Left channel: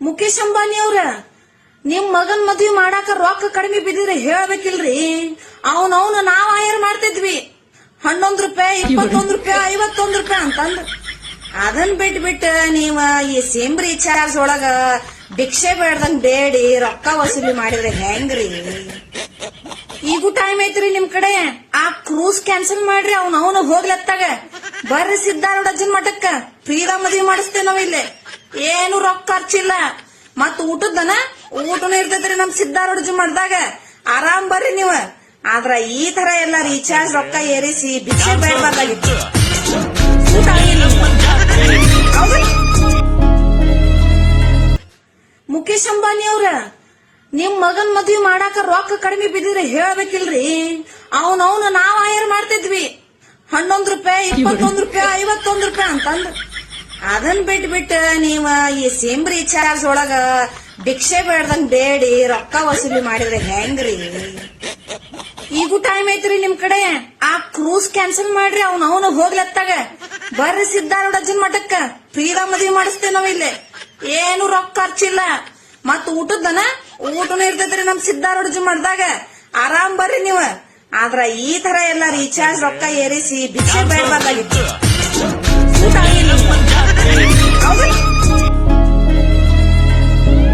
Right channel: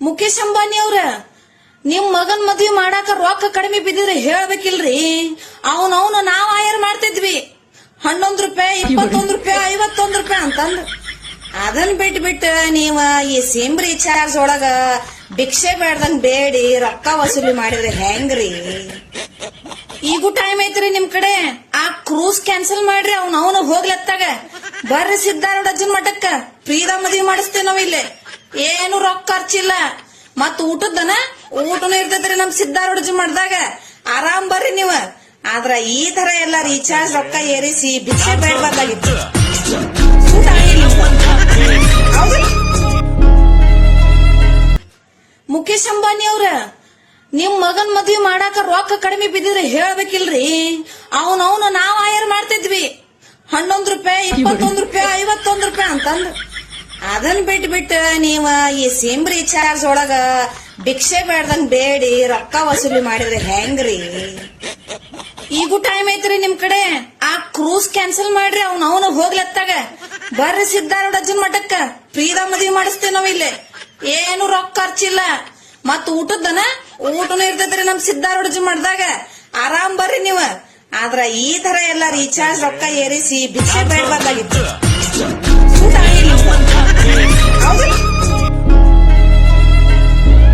ಮುಖೇಶ್ ಅಂಬಾನಿ ಅವ್ರ, ನಿಮ್ ಮಗನ್ ಮದ್ವಿ ಮಾಡಾಕ ರೊಕ್ಕ ಕಡಿಮೆ ಬಿದ್ದಿದ್ರೆ ಹೇಳ್ಬೇಕಿಲ್ರಿ? ಅವನ್ ಅವನು ನಾವ್ ಆಯರ್ ಮಾಡ್ತಿದ್ವಿ. ಹನ್ನೊಂದ್ ರೂಪಾಯಿ, ಇಪ್ಪತ್ತೊಂದ್ ರೂಪಾಯಿ, ಐವತ್ತೊಂದ್ ರೂಪಾಯಿ ಅಂತಂದ್ರ. ಅದನ್ ಬಿಟ್ ಬಿಟ್ಟು ನೀವ ಈ ಸಿಮ್ ರೀಚಾರ್ಜ್ ಒಳಗ ಭಿಕ್ಷೆ ಬೇಡ್ದಂಗ್ ಬೇಡಿ, ರೊಕ್ಕ ವಸೂಲಿ ಮಾಡಿದ್ರೆ ಹೆಂಗ್ರಿ? ಈಗೂ ಟೈಮ್ ಐತ್ರಿ ನಿಮ್ ಕಡೆ. ಆ ಕ್ರೂಸ್ ಕ್ಯಾನ್ಸಲ್ ಮಾಡ್ರಿ ಅವ್ನ ಅವನು ಹೋಗ್ಲತ್ತಾಗ. ಬರ್ರಿ ಸಿದ್ಧಾರೂಢ ಅಜ್ಜನ್ ಮಠಕ್ಕ. ಫ್ರೀದ ಮದ್ವಿ ಮಾಡಿಸ್ತೇವ್ ನಾವ್ ಇಲ್ಲಿ ಏನು ರೊಕ್ಕ ಖರ್ಚಿಲ್ಲ. ಮತ್ ಊಟದನ ಊಟನು ಇರ್ತೈತ್ರಿ ನಮ್ ಸಿದ್ದಾರೂಢಜಿ ಮಾಡ್ದಾಗ. ಆರಾಮ್ ಬರ್ರಿ ನೀವ. ಆದ್ರ ಈ ತರ ಎಲ್ಲ ರೀಚಾರ್ಜ್ ರೊಕ್ಕ ಏರಿಸಿ ಬಿಸಿ ಬೇಡಬಾರ್ದಾಗಿತ್ತು ಊಟ? ಮುಖೇಶ್ ಅಂಬಾನಿ ಅವ್ರ, ನಿಮ್ ಮಗನ್ ಮದ್ವಿ ಮಾಡಾಕ ರೊಕ್ಕ ಕಡಿಮೆ ಬಿದ್ದಿದ್ರೆ ಹೇಳ್ಬೇಕಿಲ್ರಿ. ಅವನವನು ಅವನು ನಾವ್ ಆಯರ್ ಮಾಡ್ತಿದ್ವಿ. ಹನ್ನೊಂದ್ ರೂಪಾಯಿ, ಇಪ್ಪತ್ತೊಂದ್ ರೂಪಾಯಿ, ಐವತ್ತೊಂದ್ ರೂಪಾಯಿ ಅಂತಂದ್ ಅದನ್ ಬಿಟ್ಬಿಟ್ಟು ನೀವ ಈ ಸಿಮ್ ರೀಚಾರ್ಜ್ ಒಳಗ ಭಿಕ್ಷೆ ಬೇಡ್ದಂಗ್ ಬೇಡಿ, ರೊಕ್ಕ ವಸೂಲಿ ಮಾಡಿದ್ರೆ ಹೆಂಗ್ರಿ? ಈಗೂ ಟೈಮ್ ಐತ್ರಿ ನಿಮ್ ಕಡೆ. ಆ ಕ್ರೂಸ್ ಕ್ಯಾನ್ಸಲ್ ಮಾಡ್ರಿ, ಅವ್ನ ಅವನು ಹೋಗ್ಲತ್ತಾಗ. ಬರ್ರಿ ಸಿದ್ಧಾರೂಢ ಅಜ್ಜನ್ ಮಠಕ್ಕ. ಫ್ರೀದ ಮದ್ವಿ ಮಾಡಿಸ್ತೇವ್ ನಾವ್ ಇಲ್ಲಿ. ಏನು ರೊಕ್ಕ ಖರ್ಚಿಲ್ಲ. ಮತ್ ಊಟದನ ಊಟನು ಇರ್ತೈತ್ರಿ ನಮ್ ಸಿದ್ಧಾರೂಢ ಅಜ್ಜನ್ ಮಠದಾಗ. ಆರಾಮ್ ಬರ್ರಿ ನೀವು. ಆದ್ರ ಈ ತರ ಎಲ್ಲ ರೀಚಾರ್ಜ್ ರೊಕ್ಕ ಏರಿಸಿ ಭಿಕ್ಷೆ ಬೇಡಬಾರ್ದಾಗಿತ್ತು?